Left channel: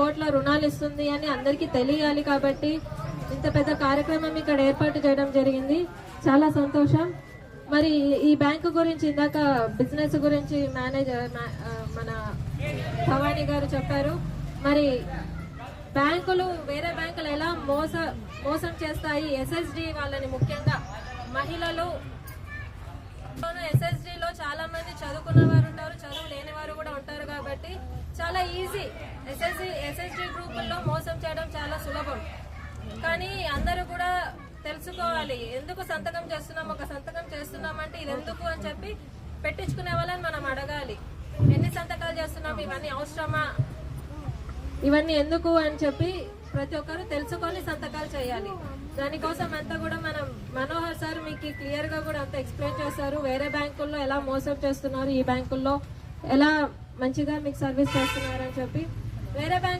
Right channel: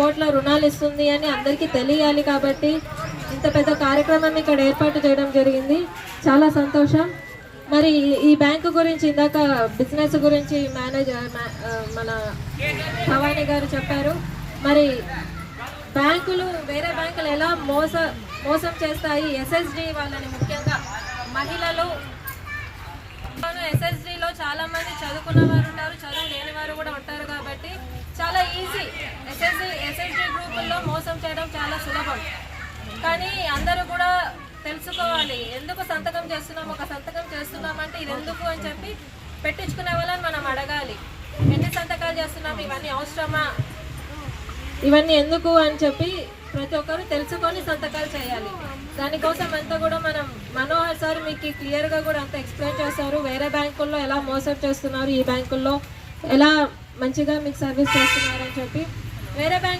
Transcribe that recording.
కోట్ల రుణాలు ఇస్తుంది అని అందరికీ తెలియాలి. కాబట్టి ఇంత పెద్ద కార్యక్రమం ఇక్కడ ఏర్పాటు చేయడం జరిగింది. చాలా సంతోషం. మరి ఈ బ్యాంకు గురించి ఇందాక బిజినెస్ గురించి మేనేజర్ మన భవానీ గారు చెప్పారు. మరి బ్యాంకులు వేరే బ్యాంకులు ఎలా మోసం చేస్తాయి, ఎస్ఎస్డి వాళ్ళని, ముఖ్యంగా మహిళలు. ఎస్ఎస్డిలో చాలా మంది చదువుకున్న వారు ఉంటారు, చదువు లేని వారు కూడా ఉంటారు. కాబట్టి చాలా ఈజీ. ఎస్ఎస్డి గ్రూపుల్లో మోసం చేయడం చాలా సులభం. కానీ అందరూ కూడా తెలుసుకోవాలి, ఎందుకు సంతకం చేస్తున్నాం, ఒక సంతకం చేస్తున్నామంటే ఇది ఎందుకు అని చెప్పి పెట్టించుకునే వాళ్ళని మనం అడగాలి. ఎన్ని సంతకాలు చేస్తున్నాం, ఇవన్నీ అవసరమా, ఇవన్నీ ఎందుకు అని చెప్పి ప్రతి ఒక్కరు తెలుసుకొని సంతకాలు చేయాలి. దానికోసం అంతా కూడా మనం మనోహర్ సార్ మీకు క్లియర్గా కూడా అంతా ఎక్స్ప్లెయిన్ చేస్తారు. వేరే బ్యాంకుల్లో ఎలా మోసం చేస్తున్నారు, ఈ బ్యాంకుల్లో ఎలా మంచిగా మీకు సర్వీస్ చేస్తున్నారు అని చెప్పి. వేరే బ్యాంక్